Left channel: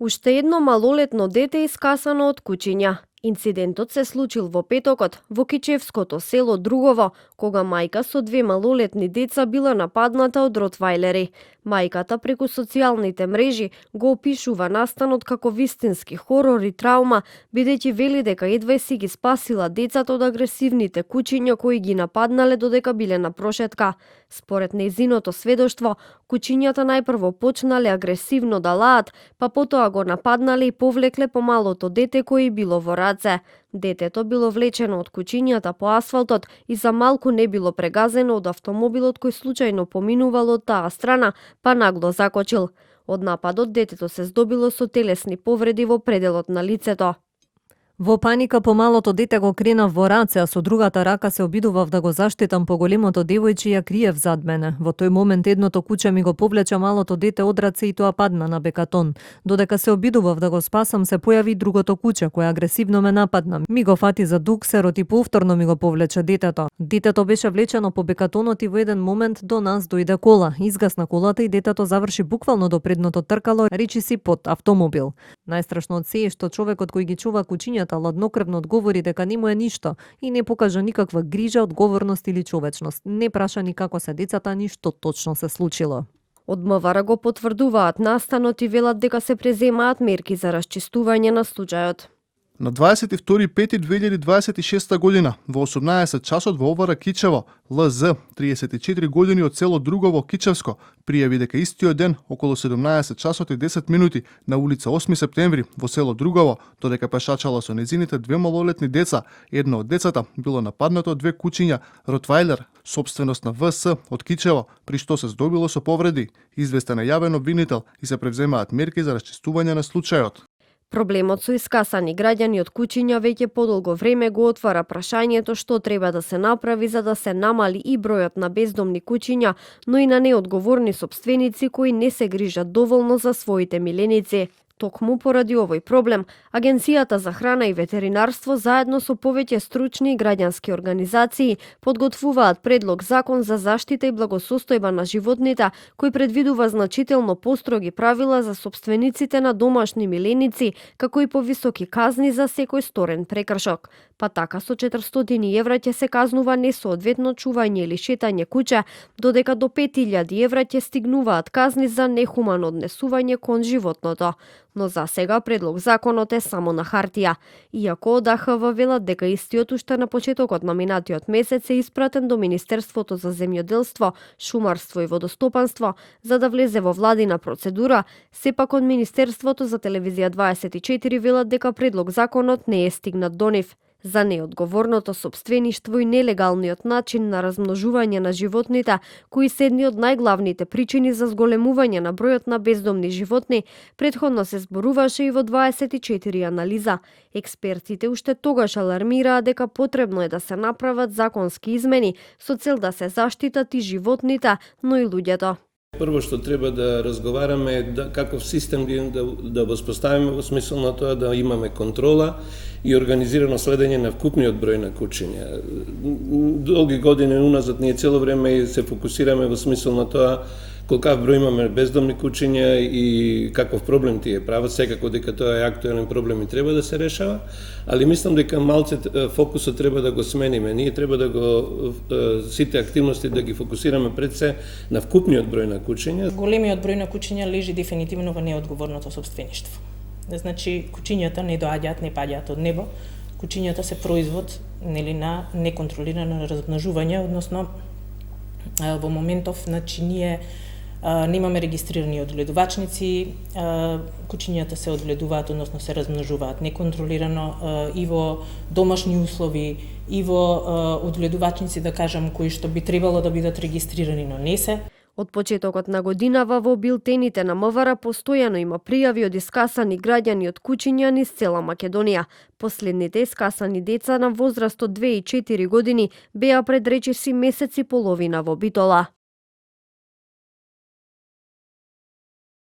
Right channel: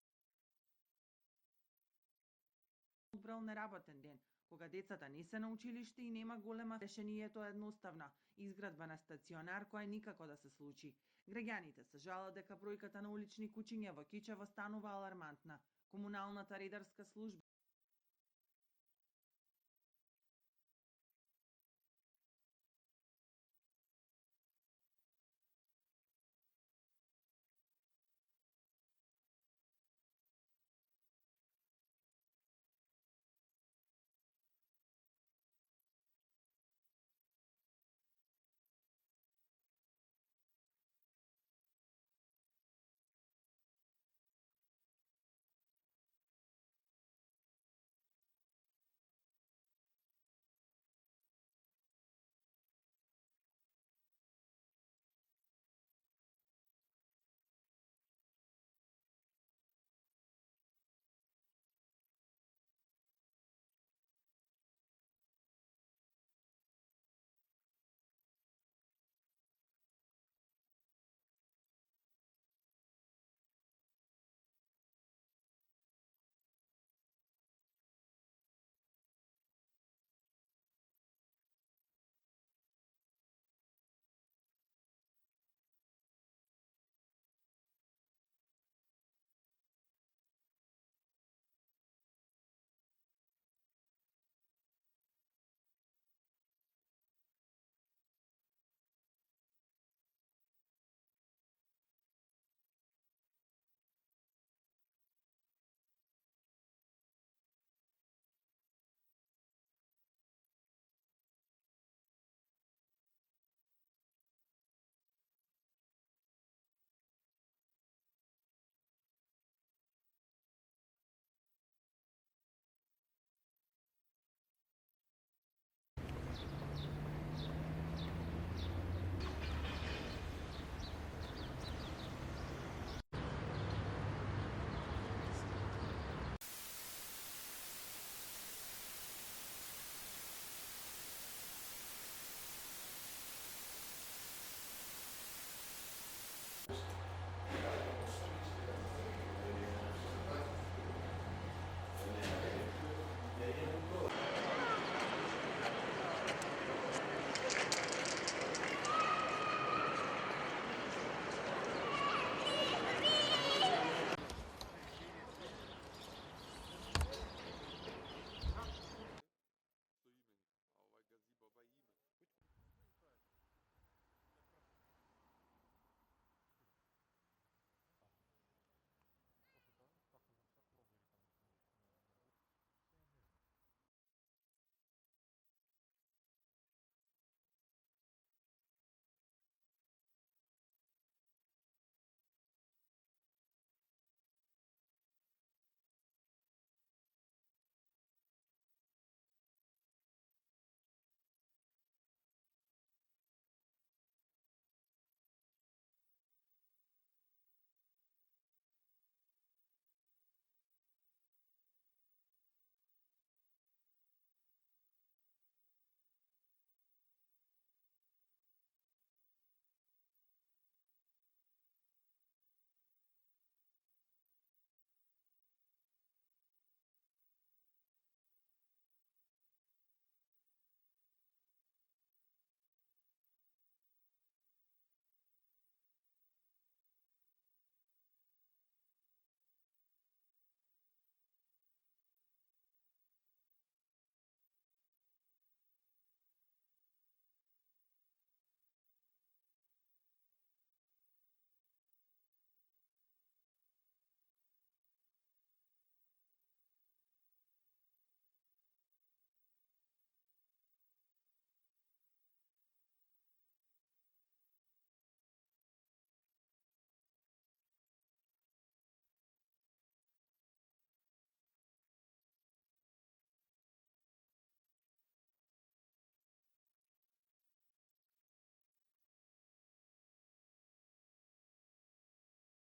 Уште едно малолетно дете искасано од кучиња. Инцидентот се случил во петокот во кичевското село Другово, кога мајка со две малолетни деца била нападната од ротвајлери. Мајката преку социјалните мрежи го опишува настанот како вистински хорор и траума, бидејќи вели дека едва си ги спасила децата од агресивните кучиња кои ги нападнале додека биле на прошетка. Според нејзиното сведоштво, кучињата најпрво почнале агресивно да лаат, па потоа го нападнале и повлекле помалото дете кој било во раце. Детето било влечено од кучињата по асфалтот и за малку не било прегазено од автомобилот кој случајно поминувал од таа страна, па нагло закочил. Од нападот детето се здобило со телесни повреди во пределот на лицето. Во паника помалото дете го кренав во раце, а со другата рака се обидував да го заштитам поголемото девојче и ја криев зад мене. Во тој момент едното куче ми го повлече малото дете од раце и тоа падна на бекатон. Додека се обидував да го спасам, се појави другото куче кое агресивно ме нападна. Ми го фати за дуксерот и повторно ми го повлече детето. Детето беше влечено по бекатонот и во еден момент до нас дојде кола. Изгасна колата и детето заврши буквално до предното тркало, речиси под автомобил. Најстрашно од се е што човекот кој ги чува кучињата ладнокрвно одговори дека не му е ништо и не покажа никаква грижа, одговорност или човечност. Не праша ни како се децата, ни што точно се случило. Од МВР го потврдуваат настанот и велат дека се преземаат мерки за расчистување на случајот. На 22.5.2026 година, во 18 часот во ОВР Кичево, ЛЗ, 34 години од село Другово, Кичевско, пријави дека истиот ден, околу 17 часот и 10 минути, на улица 8 септември, во село Другово, додека пешачала со незините две малолетни деца, едно од децата било нападнато од две кучиња, ротвајлер, собственост на ВС од Кичево, при што се здобило со повреди, известен е јавен обвинител и се превземаат мерки за расчистување на случајот. Проблемот со искасани граѓани од кучиња веќе подолго време го отвара прашањето што треба да се направи за да се намали и бројот на бездомни кучиња, но и на неодговорни сопственици кои не се грижат доволно за своите миленици. Токму поради овој проблем, Агенцијата за храна и ветеринарство заедно со повеќе стручни и граѓански организации подготвуваат предлог закон за заштита и благосостојба на животните, кој предвидува значително построги правила за сопствениците на домашни миленици, како и повисоки казни за секој сторен прекршок. Па така со 400 евра ќе се казнува несоодветно чување или шетање куче, додека до 5000 евра ќе стигнуваат казни за нехумано однесување кон животното. Но за сега предлог законот е само на хартија. Иако од АХВ велат дека истиот уште на почетокот на минатиот месец е испратен до Министерството за земјоделство, шумарство и водостопанство за да влезе во владина процедура, сепак од Министерството за телевизија 24 велат дека предлог законот не е стигнат до нив. За неодговорното сопствеништво и нелегалниот начин на размножување на животните, кои се едни од најглавните причини за зголемување на бројот на бездомни животни, претходно се зборуваше и во 24 анализа. Експертите уште тогаш алармираа дека потребно е да се направат законски измени со цел да се заштитат и животните, но и луѓето. Прво што треба да разговараме е каков систем да воспоставиме во смисол на тоа да имаме контрола и организирано следење на вкупниот број на кучиња. Долги години уназад ние цело време се фокусираме во смисол на тоа колкав број имаме бездомни кучиња и каков проблем тие прават, секако дека тоа е актуелен проблем и треба да се решава, али мислам дека малце фокусот треба да го смениме. Ние треба да го сите активности да ги фокусираме пред се на вкупниот број на кучиња. Големиот број на кучиња лежи дефинитивно во неодговорното сопствеништво. Значи, кучињата не доаѓаат, не паѓаат од небо. Кучињата се производ на неконтролирано размножување, односно во моментов, значи, ние немаме регистрирани одгледувачници, кучињата се одгледуваат, односно се размножуваат неконтролирано и во домашни услови, и во одгледувачници, да кажам, кои што би требало да бидат регистрирани, но не се. Од почетокот на годинава во билтените на МВР постојано има пријави од искасани граѓани од кучиња низ цела Македонија. Последните искасани деца на возраст од 2 и 4 години беа пред речиси месец и половина во Битола.